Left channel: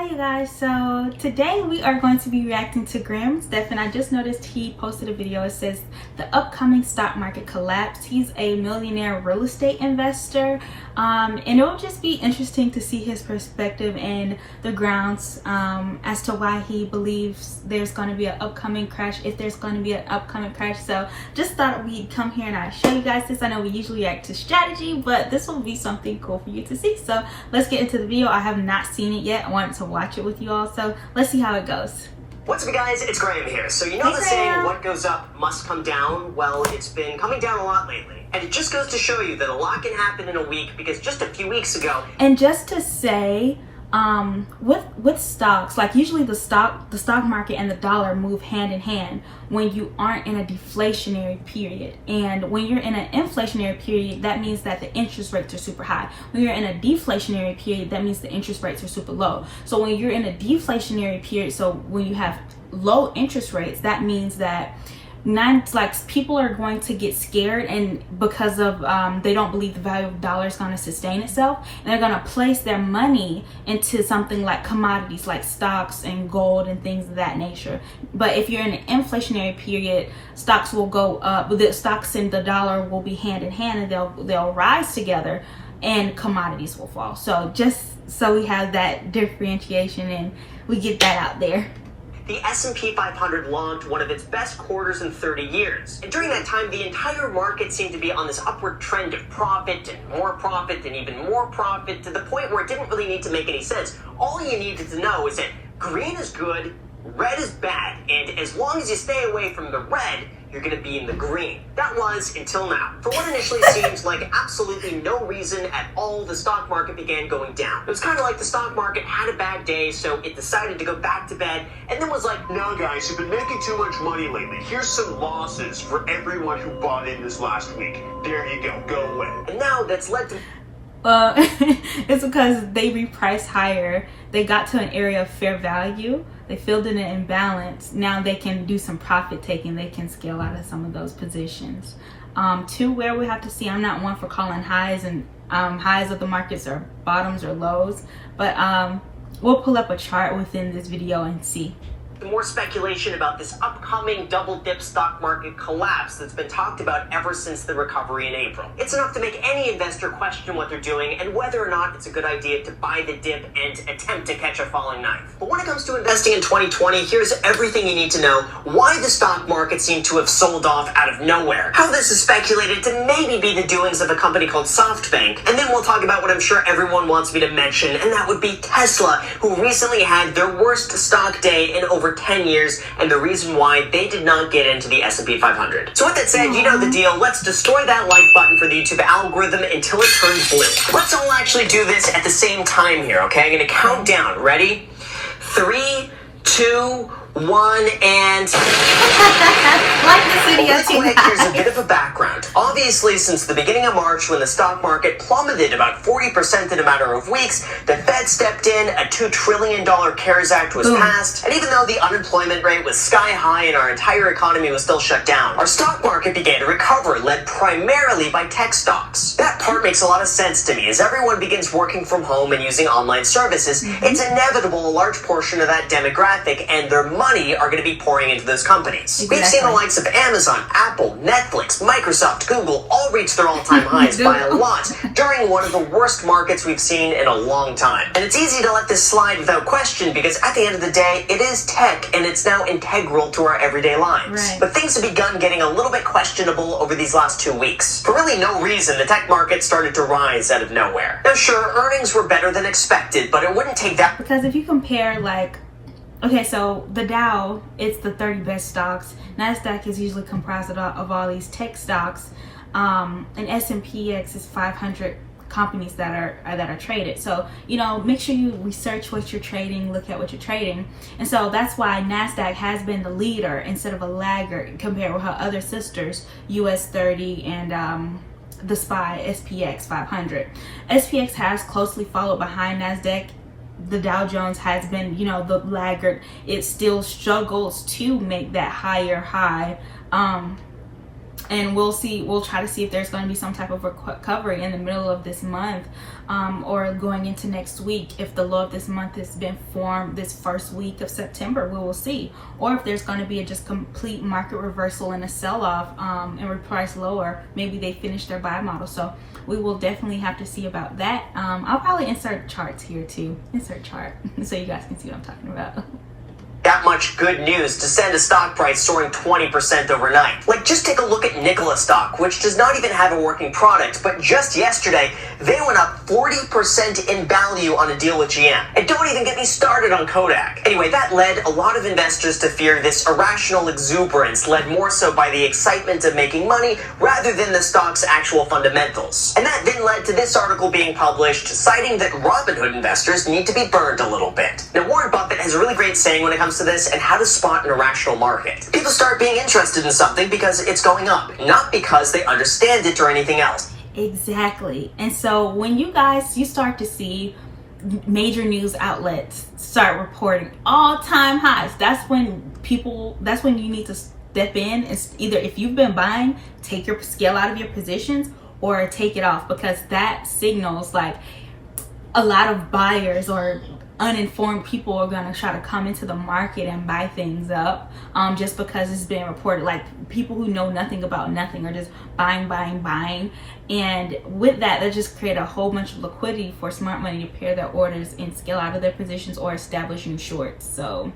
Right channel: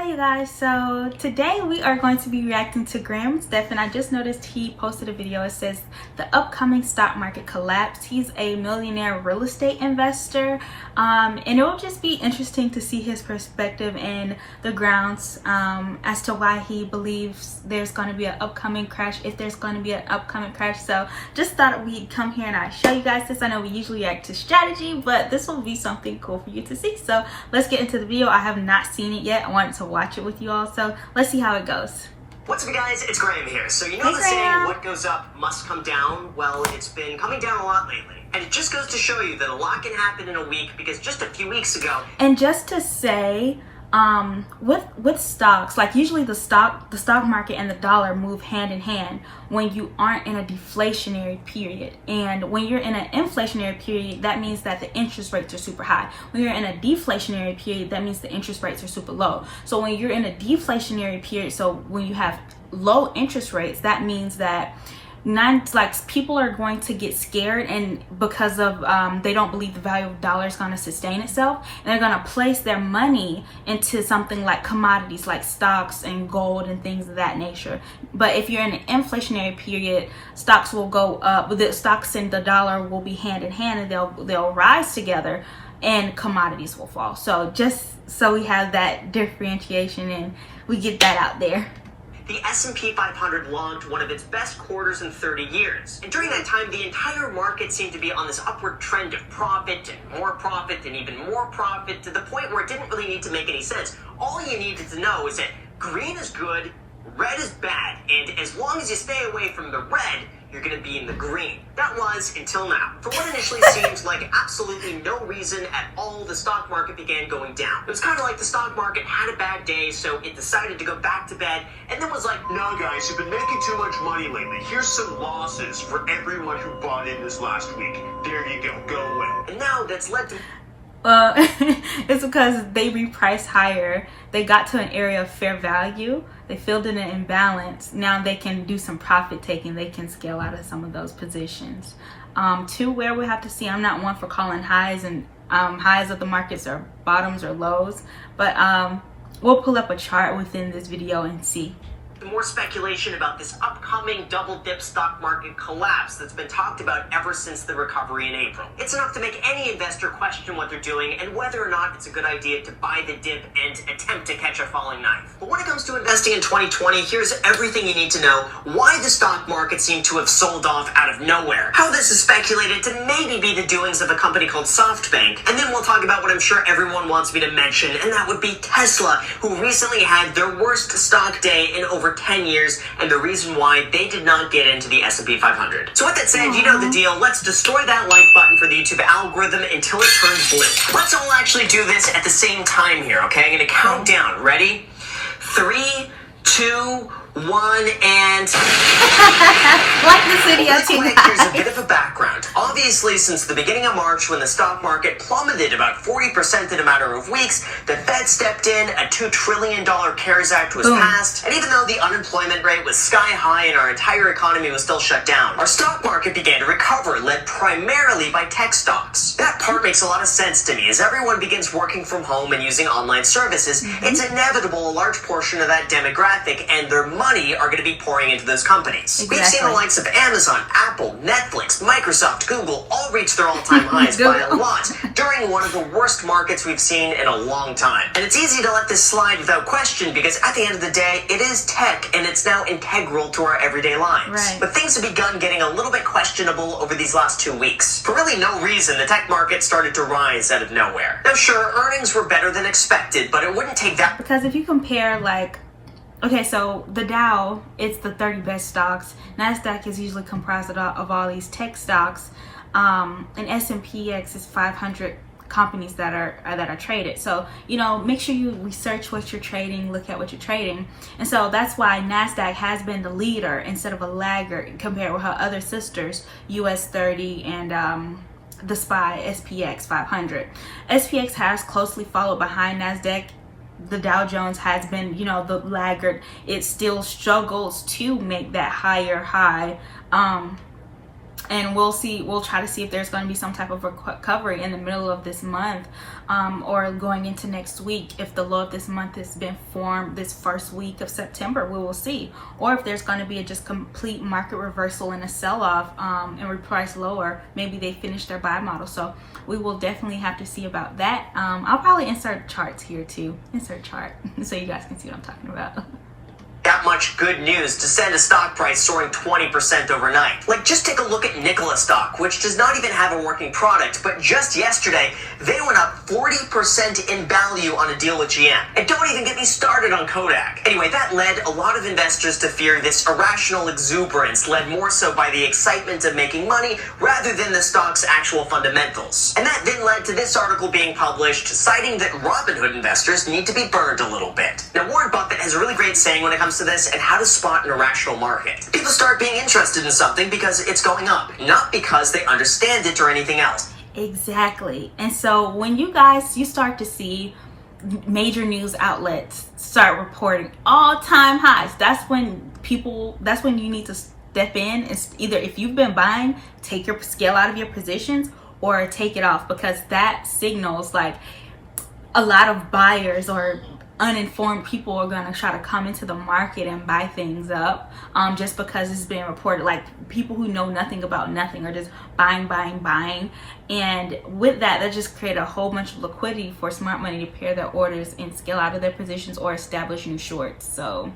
Hi you guys, so today we are going to be reacting to Graham Stephan. I just noticed he posted a video. It says the upcoming stock market collapse. He's a millionaire real estate investor, and it will just be interesting to see his perspective and the grounds as to why he believes there's going to be an upcoming crash, if there's going to be an upcoming crash. So just thought we'd come here and I'd show you guys this. I know we usually react to strategy, but this will be something cool for you to see. So let's get into the video. I have not seen it yet. I wanted to watch it with you all, so let's see how it goes. What's up guys, it's Graham here. So you know the saying, what goes up must come down? Well, it's been coming down a lot lately. And it just goes to show you that a lot can happen in a week, because just a few weeks ago. And just to say, with stocks, like usually the stock market and the dollar move hand in hand when you aren't in a deflationary period. And when you're in an inflationary period, that means that the interest rates are super high. When you're in a deflationary period, that means the interest rates are super low. So when you're in a deflationary period, so when you have low interest rates, that means that people are going to get scared, and because of they don't believe the value of the dollar is going to sustain itself, and they're going to place their money into something like commodities like stocks and gold and things of that nature. But if you're in an inflationary period, stocks will go up, the stocks and the dollar will be hand in hand, and they'll rise together, and commodities will fall. So just so we have that differentiation and we get that out there. The S&P 500 logged one of its best quarters in 30 years. And during that time, the entire market seemed to be on this upward trend of profit and even more profit, to the point where it didn't really need to make any sense. All you needed to know is that green is good, red is bad, and as long as you stay away from the red, you're going to be in the green. That was until now. For what initially seemed like absolutely no reason at all, the stock market began going down. It was kind of like the stock market had a bad day, so it decided to go back to bed, and then was like, no guys, you've been making too much money lately. Here's some losses for everyone who bought in this last week. There you go away. And now that's led to... Well, it's because they repriced higher. They got to an area of fair value. They filled in an imbalance. Now they can do some profit taking. They can scale out of some of those positions. To where we have to see. I'm not one for calling highs and highs of the markets or bottoms or lows, but we'll pull up a chart within this video and see. More speculation about this upcoming double dip stock market collapse that's been talked about ever since the recovery in April. It's enough to make any investor question what they're doing and whether or not it's a good idea to buy the dip and attempt to catch a falling knife. But when it comes to investing in 2020, here's everything you need to know: why the stock market seemed to have sold off out of nowhere, how this is speculated to maybe be the doings of a company called SoftBank, and then we'll talk about what I'm sure everyone wants me to mention, and that would be Tesla, who recently had their worst stock day in over 10 years, and the reason why they did not get into the S&P 500. So with that said, you know the deal. Let's destroy that like button for the YouTube algorithm until it turns blue. Let's all actually do this at the same time here, okay? I'm gonna count down. Ready? 3, 2, 1, and... Like this video too, guys. Here's a bit of a background. Obviously, since the beginning of March, when the stock market plummeted about 40% in a matter of weeks, the Fed stepped in, a $2 trillion CARES Act was passed, and even though the unemployment rate was sky high and our entire economy was still shut down, our stock market began to recover, led primarily by tech stocks. That part makes a lot of sense to me. As everyone begins working from home and using online services, it's inevitable a large portion of that demographic and their money are going to be pouring into those companies. We've seen the likes of Amazon, Apple, Netflix, Microsoft, Google all reach their all-time highs by a lot during one of the worst markets we've seen in a long time. And it's easy to let this slide without question, because at the end of the day, it is tech and it's now integral to our everyday lives. Right. But things have begun getting a little bit questionable over these last 2 weeks. For really no reason, the tech market started to rise out of nowhere. Now sure, earnings were better than expected, but it wouldn't take that... Because if you compare, like, okay, so the Dow, it's the 30 best stocks. NASDAQ is usually comprised of all these tech stocks. And S&P/X is 500 companies that are traded. So, you know, make sure you research what you're trading, look at what you're trading. And so that's why NASDAQ has been the leader instead of a laggard compared with her other sisters, US30 and the SPY, SPX 500. SPX has closely followed behind NASDAQ. The Dow Jones has been, you know, the laggard. It still struggles to make that higher high. and we'll try to see if there's going to be some type of recovery in the middle of this month, or going into next week. If the low of this month has been formed this first week of September, we will see. Or if there's going to be a just complete market reversal and a sell-off, and reprice lower, maybe they finish their buy model. So we will definitely have to see about that. I'll probably insert charts here too. Insert chart so you guys can see what I'm talking about. That much good news to send a stock price soaring 20% overnight. Like, just take a look at Nikola stock, which does not even have a working product, but just yesterday, they went up 40% in value on a deal with GM. And don't even get me started on Kodak. Anyway, that led a lot of investors to fear this irrational exuberance, led more so by the excitement of making money rather than the stock's actual fundamentals. And that then led to this article being published, citing that Robinhood investors need to be burned a little bit. Now, Warren Buffett has a really great saying when it comes to this and how to spot an irrational market. People start being interested in something because it's going up, not because they understand it or anything else. Exactly. And so when you start to see major news outlets start reporting all-time highs, that's when you need to step in. It's either, if you've been buying, take your scale out of your positions or take it off, because that signals like a lot of buyers or uninformed people are going to try to come into the market and buy things up, just because it's been reported. Like, people who know nothing about nothing are just buying, and with that just create a whole bunch of liquidity for smart money to pair their orders and scale out of their positions or establish new shorts. So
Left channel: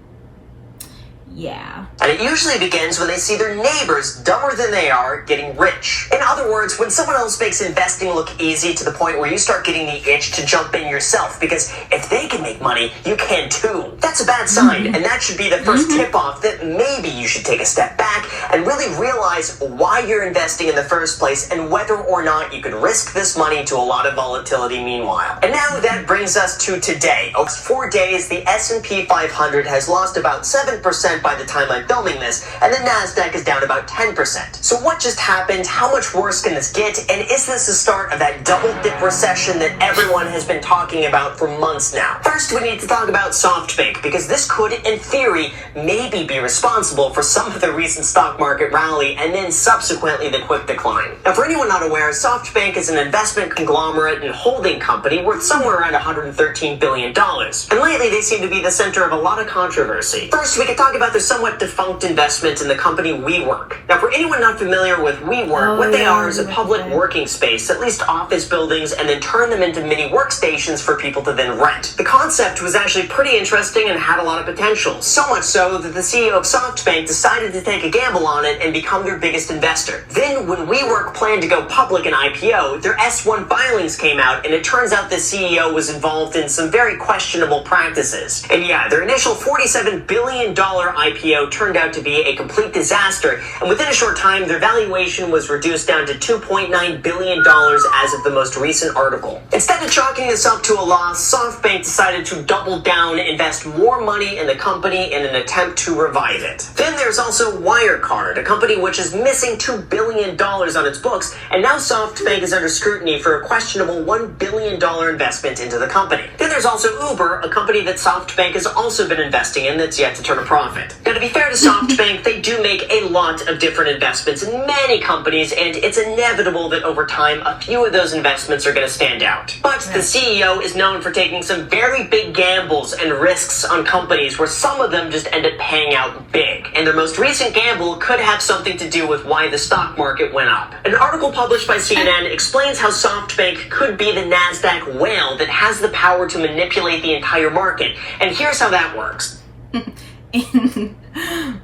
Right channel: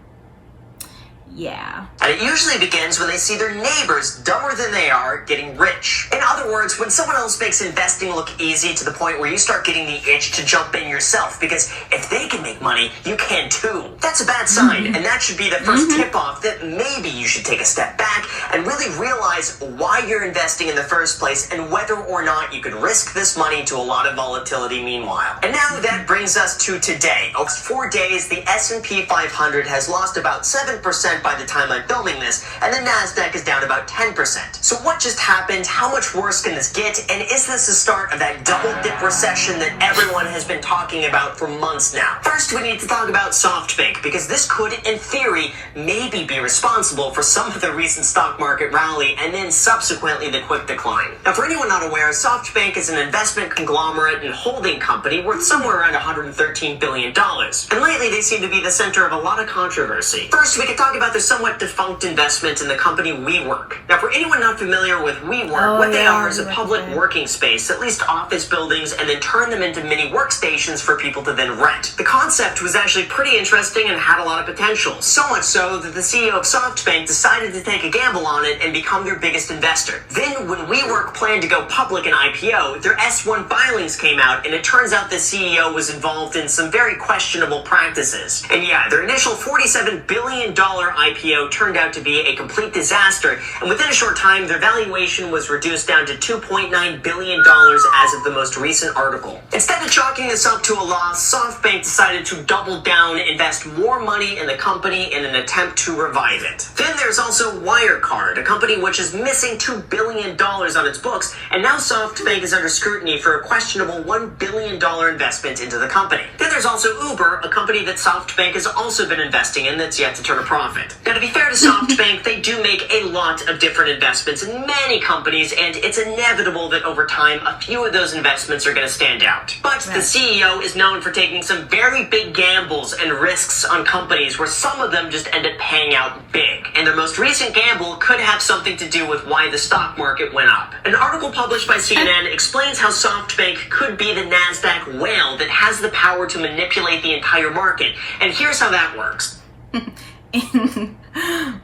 yeah. And it usually begins when they see their neighbors, dumber than they are, getting rich. In other words, when someone else makes investing look easy to the point where you start getting the itch to jump in yourself, because if they can make money, you can too. That's a bad sign, and that should be the first tip-off that maybe you should take a step back and really realize why you're investing in the first place and whether or not you could risk this money to a lot of volatility meanwhile. And now that brings us to today. Over 4 days, the S&P 500 has lost about 7% by the time I'm filming this, and the NASDAQ is down about 10%. So what just happened? How much worse can this get? And is this the start of that double dip recession that everyone has been talking about for months now? First, we need to talk about SoftBank, because this could, in theory, maybe be responsible for some of the recent stock market rally and then subsequently the quick decline. Now, for anyone not aware, SoftBank is an investment conglomerate and holding company worth somewhere around $113 billion. And lately, they seem to be the center of a lot of controversy. First, we could talk about the somewhat defunct investment in the company WeWork. Now, for anyone not familiar with WeWork, they are is a public working space, at least office buildings, and then turn them into mini workstations for people to then rent. The concept was actually pretty interesting and had a lot of potential, so much so that the CEO of SoftBank decided to take a gamble on it and become their biggest investor. Then, when WeWork planned to go public and IPO, their S1 filings came out, and it turns out the CEO was involved in some very questionable practices. And yeah, their initial $47 billion IPO turned out to be a complete disaster, and within a short time, their valuation was reduced down to $2.9 billion as of the most recent article. Instead of chalking this up to a loss, SoftBank decided to double down, invest more money in the company in an attempt to revive it. Then there's also Wirecard, a company which is missing $2 billion on its books, and now SoftBank is under scrutiny for a questionable $1 billion investment into the company. Then there's also Uber, a company that SoftBank has also been investing in that's yet to turn a profit. Now, to be fair to SoftBank, they do make a lot of different investments in many companies, and it's inevitable that over time, a few of those investments are going to stand out. But the CEO is known for taking some very big gambles and risks on companies where some of them just end up paying out big. And the most recent gamble could have something to do with why the stock market went up. An article published by CNN explains how SoftBank could be the NASDAQ whale that has the power to manipulate the entire market. And here's how that works.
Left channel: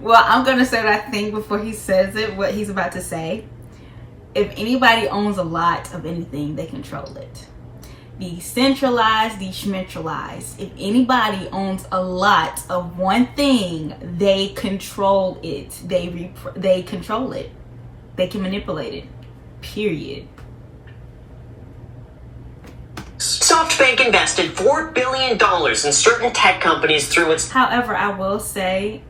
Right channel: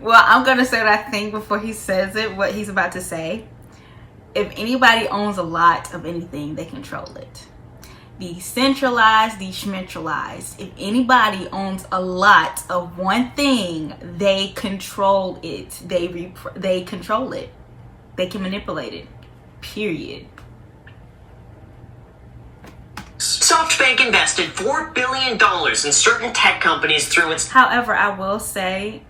Well, I'm going to say what I think before he says it, what he's about to say. If anybody owns a lot of anything, they control it. Decentralized, decentralized. If anybody owns a lot of one thing, they control it. They control it. They can manipulate it. Period. SoftBank invested $4 billion in certain tech companies through its... However, I will say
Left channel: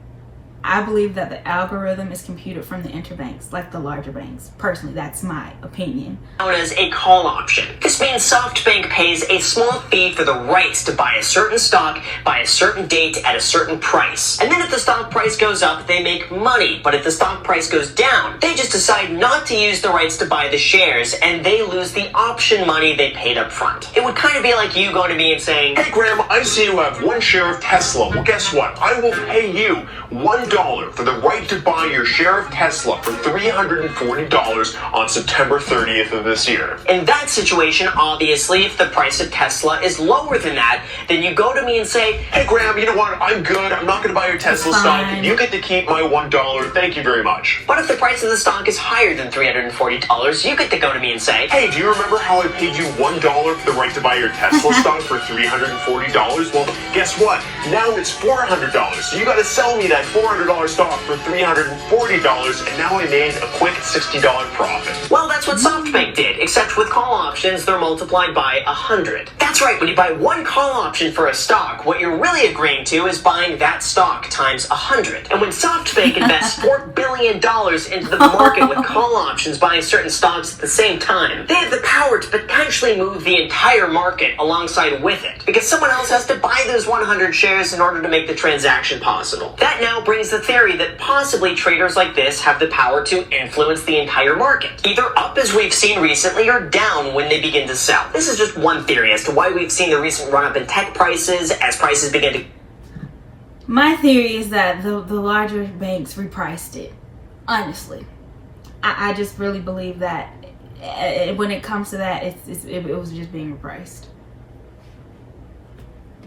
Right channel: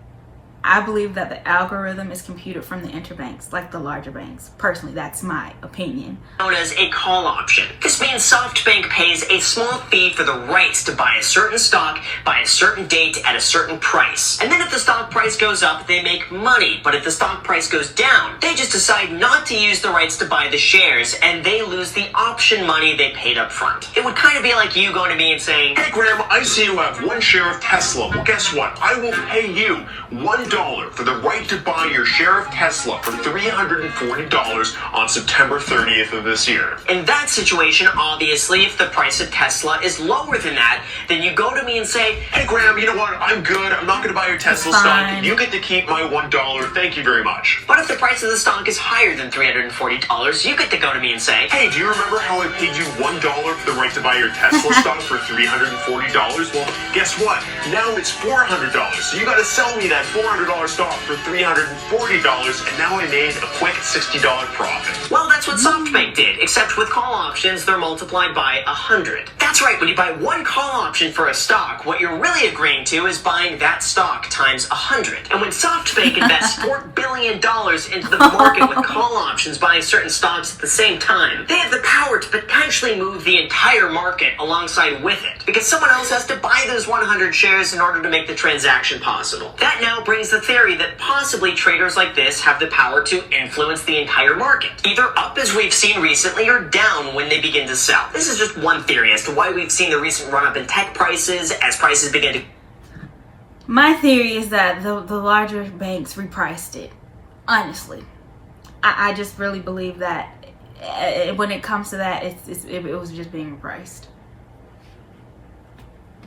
I believe that the algorithm is computed from the interbanks, like the larger banks. Personally, that's my opinion. Known as a call option. This means SoftBank pays a small fee for the rights to buy a certain stock by a certain date at a certain price. And then if the stock price goes up, they make money. But if the stock price goes down, they just decide not to use the rights to buy the shares, and they lose the option money they paid up front. It would kind of be like you going to me and saying, Hey Graham, I see you have one share of Tesla. Well, guess what? I will pay you $1 for the right to buy your share of Tesla for $340 on September 30th of this year. In that situation, obviously, if the price of Tesla is lower than that, then you go to me and say, Hey Graham, you know what? I'm good. I'm not going to buy your Tesla stock. You get to keep my $1. Thank you very much. But if the price of the stock is higher than $340, you get to go to me and say, Hey, do you remember how I paid you $1 for the right to buy your Tesla stock for $340? Well, guess what? Now it's $400. So you got to sell me that $400 stock for $340, and now I made a quick $60 profit. Well, that's what SoftBank did, except with call options, they're multiplied by 100. That's right, when you buy one call option for a stock, what you're really agreeing to is buying that stock times 100. And when SoftBank invests $4 billion into the market with call options buying certain stocks at the same time, they have the power to potentially move the entire market alongside with it, because someone else has to buy those 100 shares in order to make the transaction possible. That now brings the theory that possibly traders like this have the power to influence the entire market, either up as we've seen recently or down when they begin to sell. This is just one theory as to why we've seen the recent run-up in tech prices as prices begin to... My theory is that the larger banks repriced it. Honestly, I just really believe that when it comes to that, it was just being repriced.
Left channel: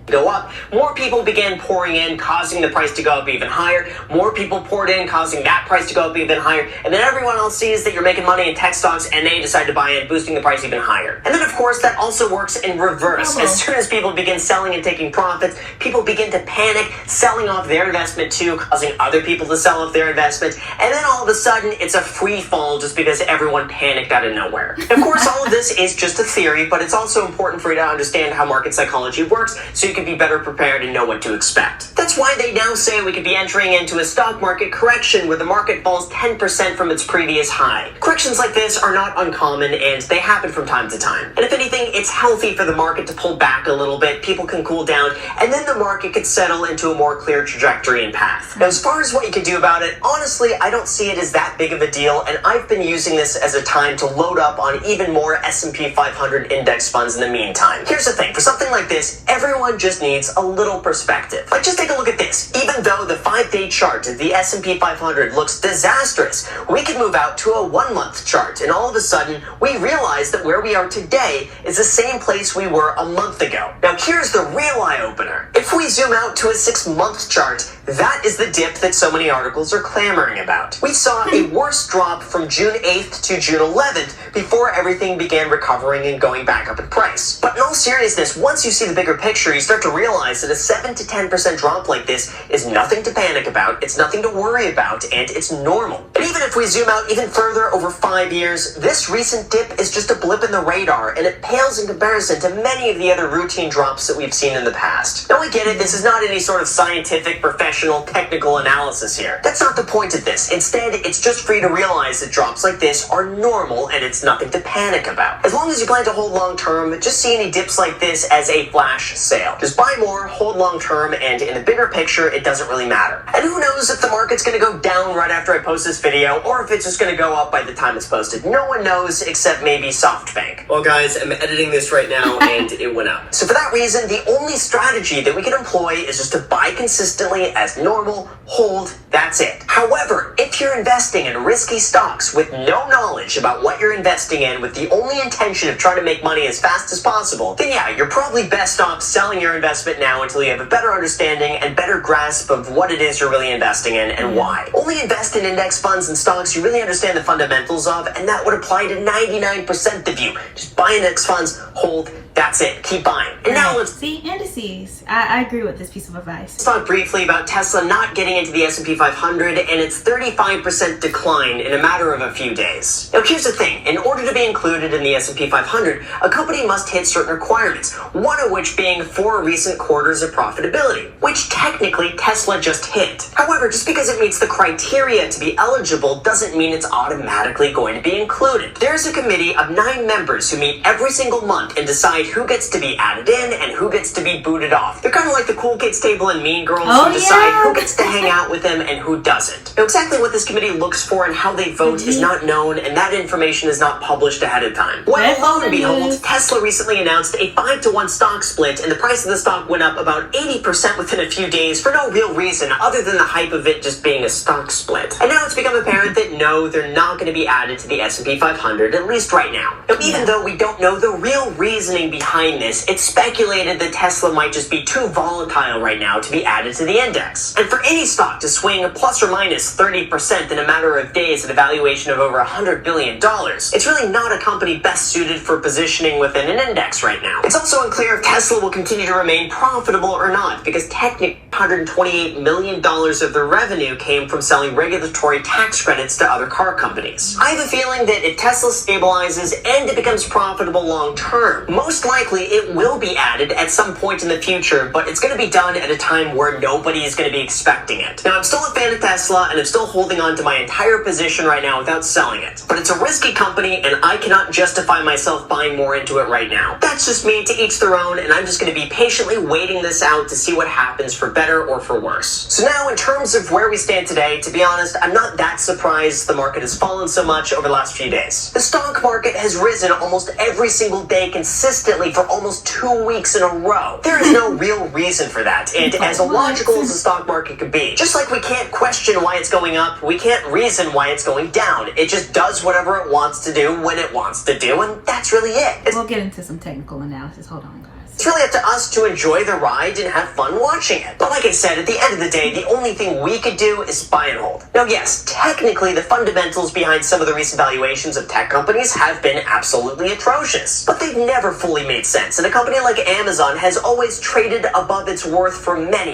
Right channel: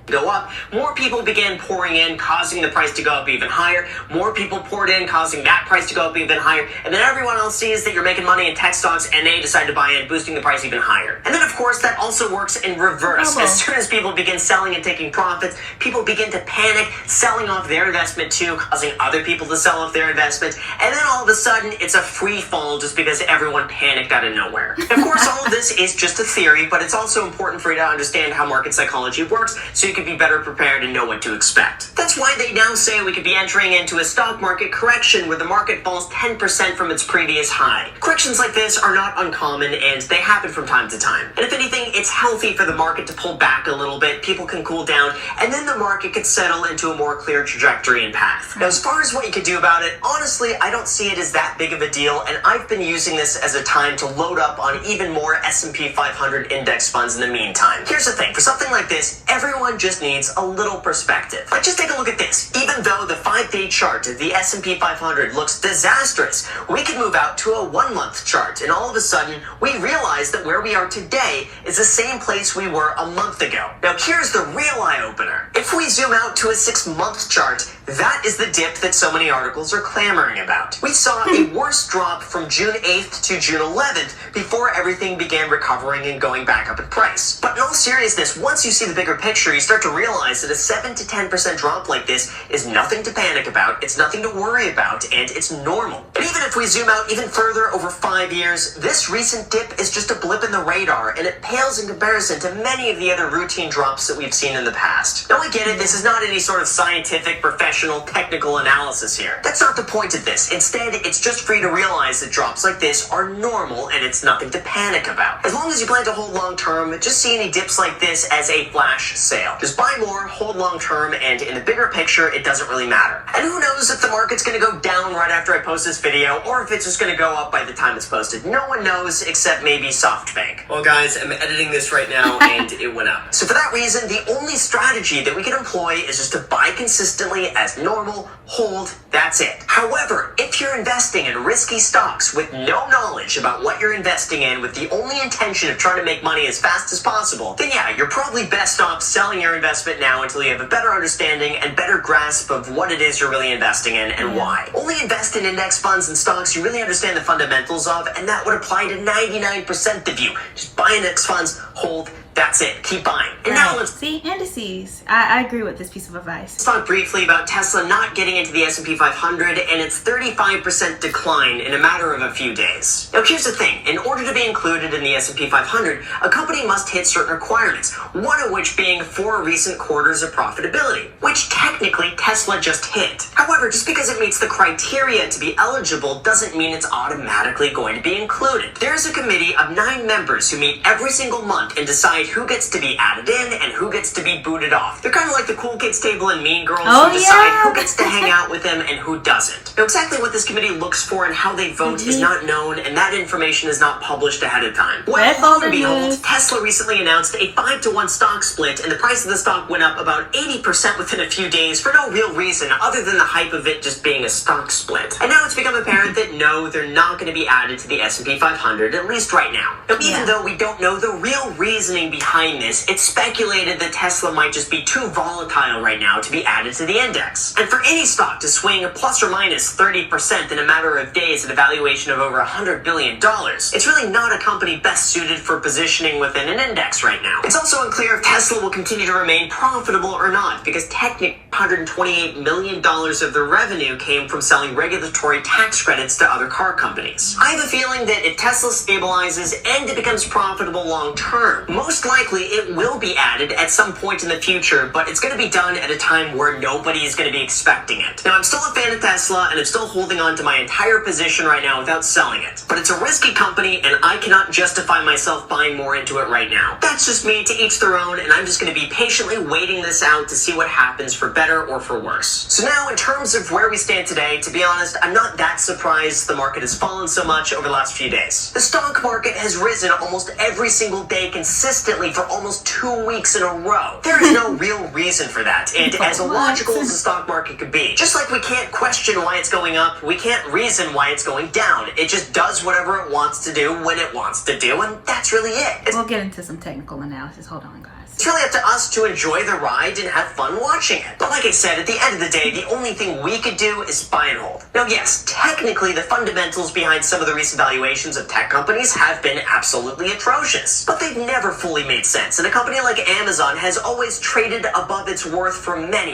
Go up, more people began pouring in, causing the price to go up even higher. More people poured in, causing that price to go up even higher. And then everyone else sees that you're making money in tech stocks, and they decide to buy in, boosting the price even higher. And then, of course, that also works in reverse. As soon as people begin selling and taking profits, people begin to panic, selling off their investment too, causing other people to sell off their investment. And then all of a sudden, it's a free fall just because everyone panicked out of nowhere. Of course, all of this is just a theory, but it's also important for you to understand how market psychology works, so you can be better prepared and know what to expect. That's why they now say we could be entering into a stock market correction where the market falls 10% from its previous high. Corrections like this are not uncommon, and they happen from time to time. And if anything, it's healthy for the market to pull back a little bit, people can cool down, and then the market could settle into a more clear trajectory and path. Now, as far as what you could do about it, honestly, I don't see it as that big of a deal, and I've been using this as a time to load up on even more S&P 500 index funds in the meantime. Here's the thing, for something like this, everyone just needs a little perspective. Like, just take a look at this. Even though the 5-day chart of the S&P 500 looks disastrous, we can move out to a 1-month chart, and all of a sudden, we realize that where we are today is the same place we were a month ago. Now, here's the real eye-opener. If we zoom out to a 6-month chart, that is the dip that so many articles are clamoring about. We saw a worse drop from June 8th to June 11th before everything began recovering and going back up in price. But in all seriousness, once you see the bigger picture, you start to realize that a 7 to 10% drop like this is nothing to panic about, it's nothing to worry about, and it's normal. And even if we zoom out even further over 5 years, this recent dip is just a blip in the radar, and it pales in comparison to many of the other routine drops that we've seen in the past. Now, I get it, this is not any sort of scientific, professional, technical analysis here. That's not the point of this. Instead, it's just for you to realize that drops like this are normal, and it's nothing to panic about. As long as you plan to hold long term, just see any dips like this as a flash sale. Just buy more, hold long term, and in the bigger picture, it doesn't really matter. And who knows if the market's going to go down right after I post this video, or if it's just going to go up by the time it's posted. No one knows except maybe SoftBank. Well, guys, I'm editing this right now, and it went up. So for that reason, the only strategy that we can employ is just to buy consistently as normal, hold, that's it. However, if you're investing in risky stocks with no knowledge about what you're investing in, with the only intention of trying to make money as fast as possible, then yeah, you're probably best off selling your investment now until you have a better understanding and better grasp of what it is you're really investing in and why. Only invest in index funds and stocks you really understand the fundamentals of, and that would apply to 99% of you. Just buy index funds, hold, that's it. Keep buying. And now let's see indices. I agree with this piece of advice. Let's talk briefly about Tesla not getting into the S&P 500 and its 35% decline in a matter of a few days. Now, here's the thing. In order to be included in the S&P 500, a company must hit certain requirements, one of which being 4 recent quarters of profitability, which technically Tesla just hit. However, just because it meets the criteria to be eligible doesn't mean it's automatically going to be included. There's a committee of 9 members who meet every single month and decide who gets to be added in and who gets to be booted off. They're kind of like the cool kids table in Mean Girls who decide who gets to hang out with them and who doesn't. Now, exactly what this committee looks for and how they vote is not known, and that information is not published ahead of time. Well, lo and behold, Tesla recently announced a 5-to-1 stock split, and the price of the stock went up about 80% within a few days for no real reason other than the hype of it just being a stock split. And now it's become apparent that no, they're not going to be added to the S&P 500, at least right now. Now, even though we don't know the real reasoning behind this, it's speculated that Tesla might just be too volatile right now to be added to the index. And for any stock to swing plus or minus 30% in a matter of days at a valuation of over $100 billion, it's really not a company best suited for positioning within an index right now. It's also unclear if Tesla will continue to remain profitable or not, because technically $128 million of the revenue came from selling regulatory tax credits to other car companies. I have a feeling that if Tesla stabilizes and it becomes profitable long term, most likely it will be added at some point in the future, but it's going to be done at a time where nobody is going to be expecting it. Now, I'm still a fan of Tesla, and I'm still holding on to my entire position right now without selling it, but it's a risky company, and I cannot justify myself buying more into it right now. That's just me, to each their own, and I'm just going to be patiently waiting this out to see what happens, for better or for worse. So now, in terms of where we stand today, to be honest, I'm not that surprised the market has fallen so much over the last few days. The stock market has risen almost every single day consistently for almost 2 weeks in a row. There is no real reason for that, and as illogical as the stock market could be, just like we can't question why it's going up, we can't reason why it's going down. It just does whatever it wants to do when it wants to do, and that's really it. We'll get into some technical analysis. Hold on, guys. It's really up to us to enjoy the ride and have fun watching it. But like I said, at the end of the day, the only thing we could do is buy and hold. Now, yes, technically the fundamentals behind some of the recent valuations of tech companies have been absolutely atrocious, but they've never fully made sense. And a company like Amazon has always traded above its worth for many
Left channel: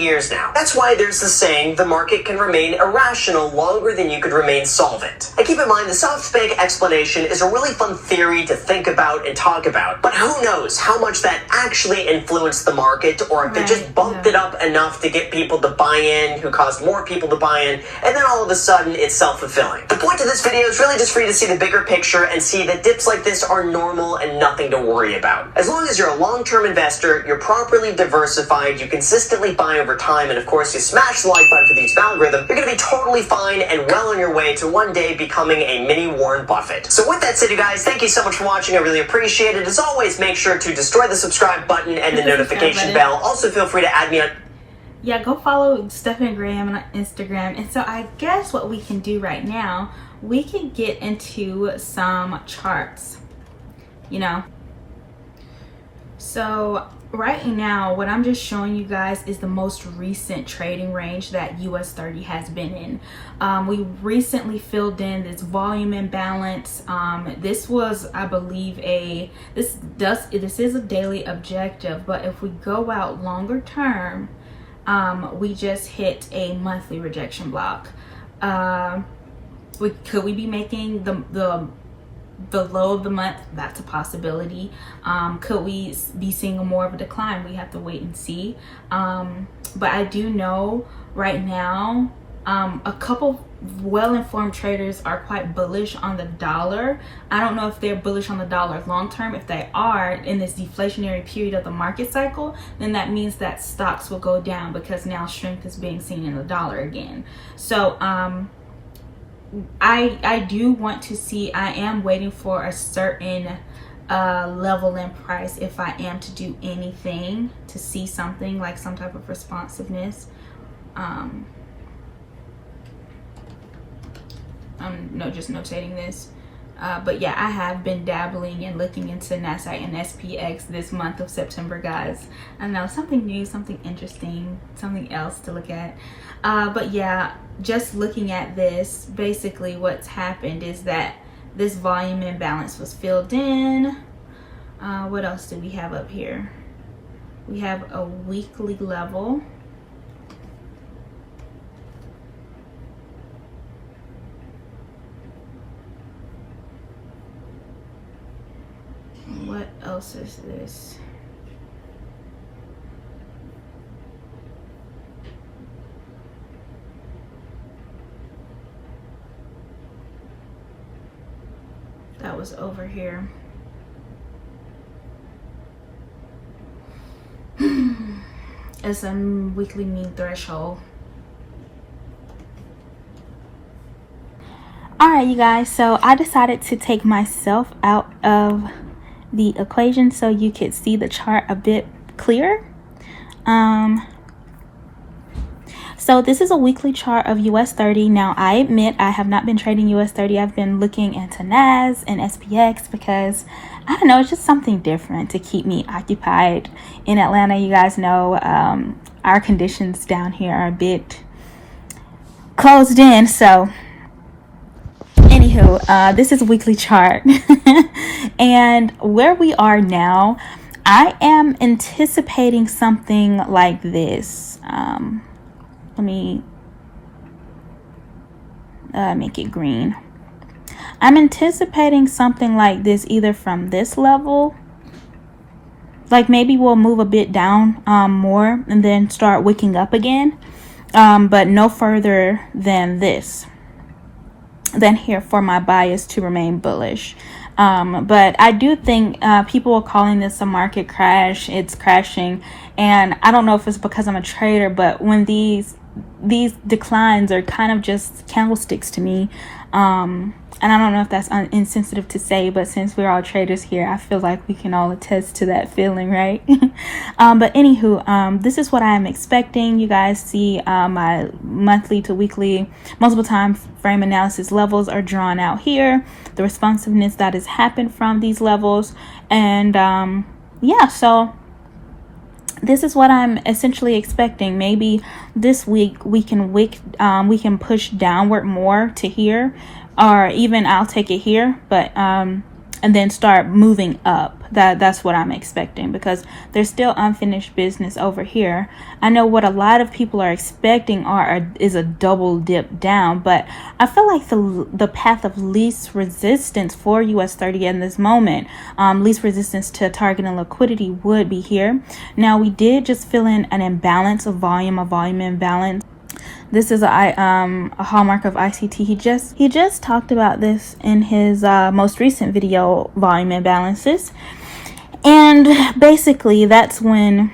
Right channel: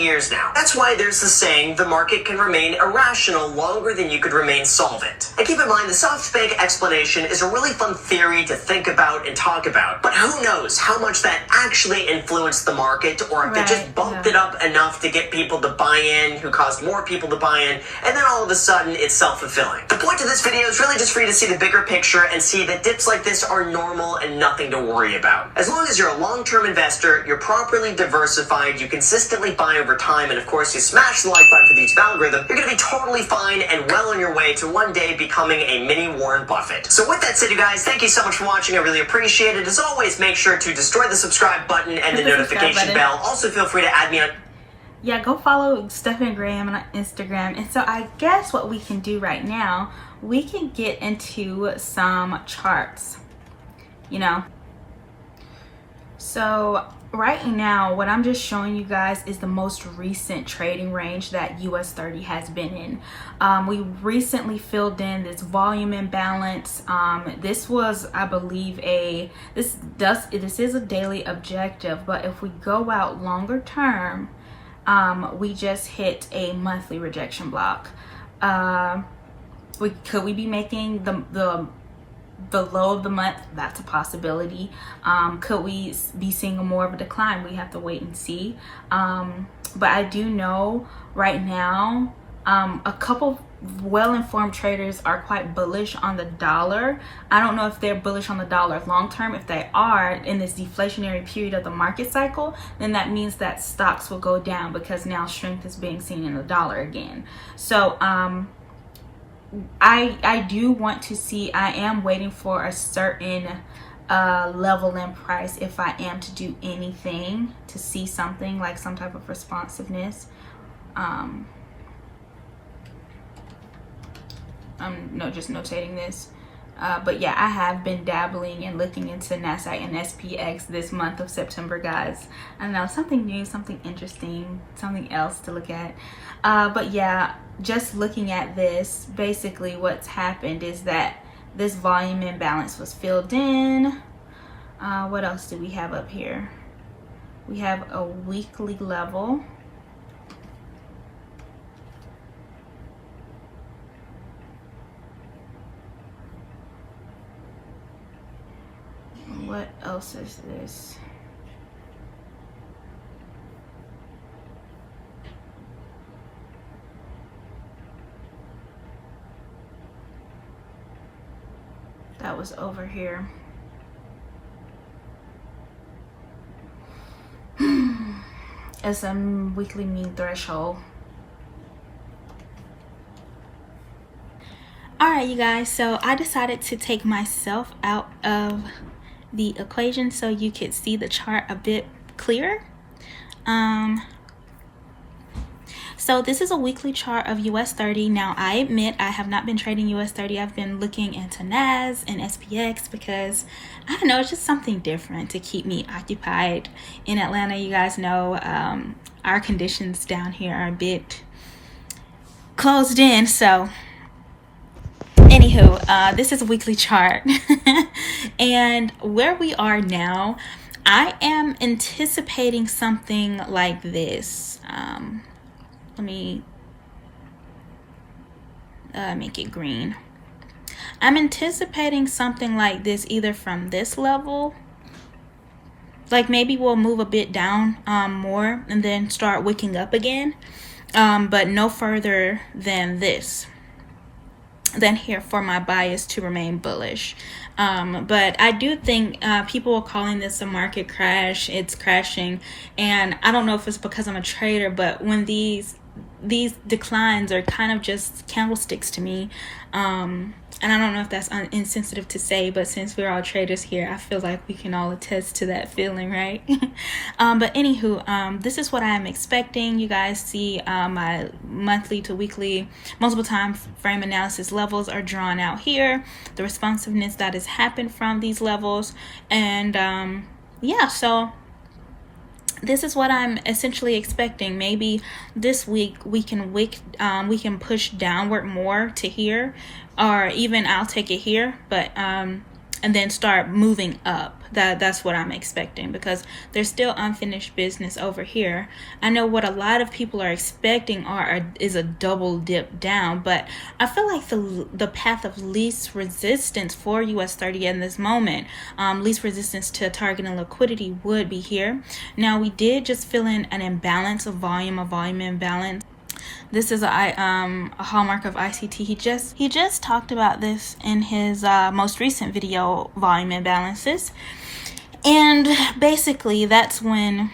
years now. That's why there's the saying, the market can remain irrational longer than you could remain solvent. And keep in mind, the SoftBank explanation is a really fun theory to think about and talk about, but who knows how much that actually influenced the market, or if they just bumped it up enough to get people to buy in, who caused more people to buy in, and then all of a sudden it's self-fulfilling. The point of this video is really just for you to see the bigger picture and see that dips like this are normal and nothing to worry about. As long as you're a long-term investor, you're properly diversified, you consistently buy over time, and of course you smash the like button for the YouTube algorithm, you're going to be totally fine and well on your way to one day becoming a mini Warren Buffett. So with that said, you guys, thank you so much for watching. I really appreciate it. As always, make sure to destroy the subscribe button and the notification bell. Also, feel free to add me on. Yeah, go follow Stephan Graham on Instagram. And so I guess what we can do right now, we can get into some charts, you know. So right now, what I'm just showing you guys is the most recent trading range that US30 has been in. We recently filled in this volume imbalance. This was, I believe, this is a daily objective, but if we go out longer term, we just hit a monthly rejection block. Could we be making the low of the month? That's a possibility. Could we be seeing more of a decline? We have to wait and see. But I do know right now, a couple well-informed traders are quite bullish on the dollar. I don't know if they're bullish on the dollar long term. If they are in this deflationary period of the market cycle, then that means that stocks will go down, because now strength is being seen in the dollar again. So I do want to see, I am waiting for a certain level in price if I am to do anything, to see something like some type of responsiveness. I'm just notating this. But yeah, I have been dabbling and looking into NASDAQ and SPX this month of September, guys. I know, something new, something interesting, something else to look at. But yeah, just looking at this, basically what's happened is that this volume imbalance was filled in. What else do we have up here? We have a weekly level. What else is this? that was over here. It's a weekly mean threshold. All right, you guys, so I decided to take myself out of the equation so you could see the chart a bit clearer. So this is a weekly chart of US30. Now, I admit I have not been trading US30. I've been looking into NAS and SPX because, I don't know, it's just something different to keep me occupied. In Atlanta, you guys know our conditions down here are a bit closed in. So, anywho, this is a weekly chart. And where we are now, I am anticipating something like this. Let me make it green. I'm anticipating something like this, either from this level, like maybe we'll move a bit down more and then start wicking up again, but no further than this, than here, for my bias to remain bullish. But I do think people are calling this a market crash. It's crashing, and I don't know if it's because I'm a trader, but when these declines are kind of just candlesticks to me, and I don't know if that's insensitive to say, but since we're all traders here, I feel like we can all attest to that feeling, right? But anywho, this is what I am expecting. You guys see my monthly to weekly multiple time frame analysis levels are drawn out here, the responsiveness that has happened from these levels, and yeah, so this is what I'm essentially expecting. Maybe this week we can push downward more to here, or even I'll take it here, but and then start moving up. That's what I'm expecting, because there's still unfinished business over here. I know what a lot of people are expecting is a double dip down, but I feel like the path of least resistance for US30 in this moment, least resistance to target and liquidity, would be here. Now, we did just fill in an imbalance, a volume imbalance. This is a hallmark of ICT. He just talked about this in his most recent video, volume imbalances. And basically that's when,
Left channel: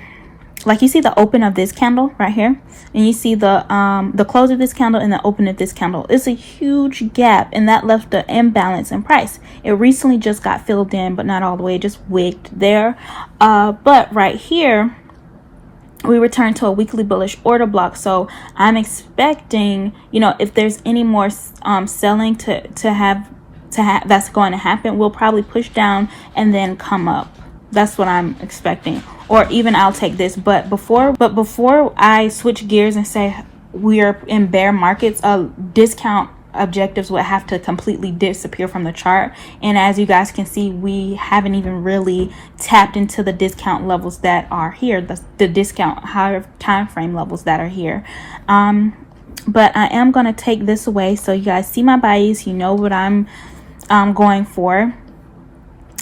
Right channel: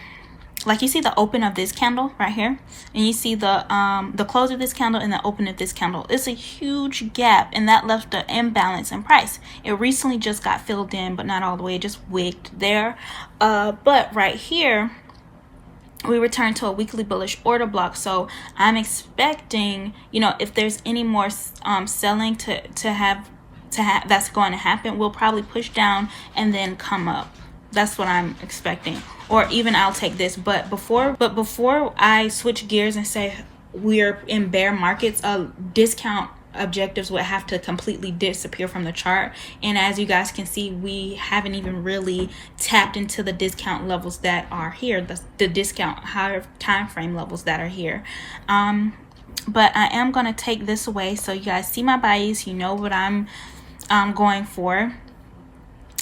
like, you see the open of this candle right here, and you see the close of this candle and the open of this candle. It's a huge gap, and that left the imbalance in price. It recently just got filled in, but not all the way, just wigged there. But right here, we return to a weekly bullish order block. So I'm expecting, you know, if there's any more selling to have that's going to happen, we'll probably push down and then come up. That's what I'm expecting. Or even I'll take this. But before I switch gears and say we're in bear markets, discount objectives would have to completely disappear from the chart. And as you guys can see, we haven't even really tapped into the discount levels that are here, the discount higher time frame levels that are here. But I am going to take this away so you guys see my bias, you know what I'm going for.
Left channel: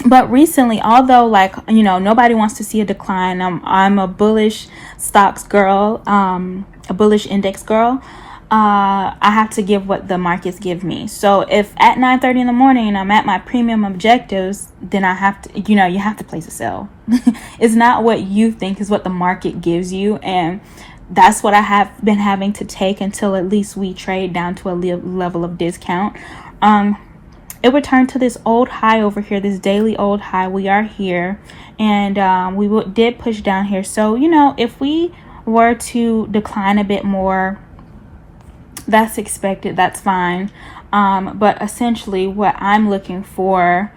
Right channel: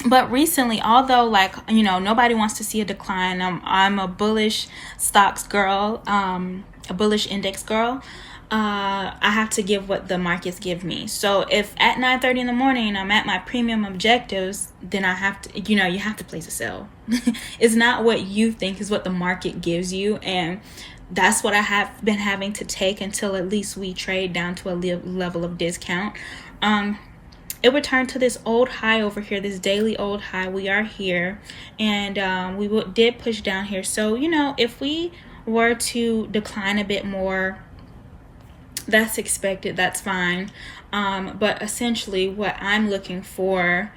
But recently, although, like, you know, nobody wants to see a decline, I'm a bullish stocks girl, a bullish index girl. I have to give what the markets give me. So if at 9:30 in the morning I'm at my premium objectives, then I have to, you know, you have to place a sell. It's not what you think, is what the market gives you. And that's what I have been having to take until at least we trade down to a level of discount. It returned to this old high over here, this daily old high. We are here, and we did push down here. So, you know, if we were to decline a bit more, that's expected, that's fine. But essentially what I'm looking for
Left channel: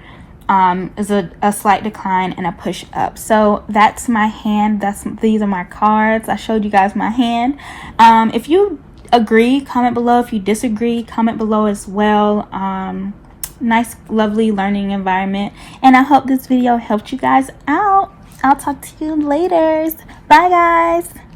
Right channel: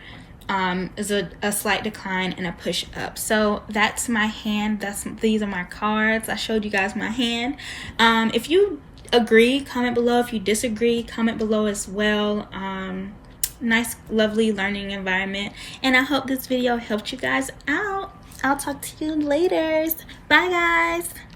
is a slight decline and a push up. So that's my hand. These are my cards. I showed you guys my hand. If you agree, comment below. If you disagree, comment below as well. Nice, lovely learning environment, and I hope this video helped you guys out. I'll talk to you later. Bye, guys.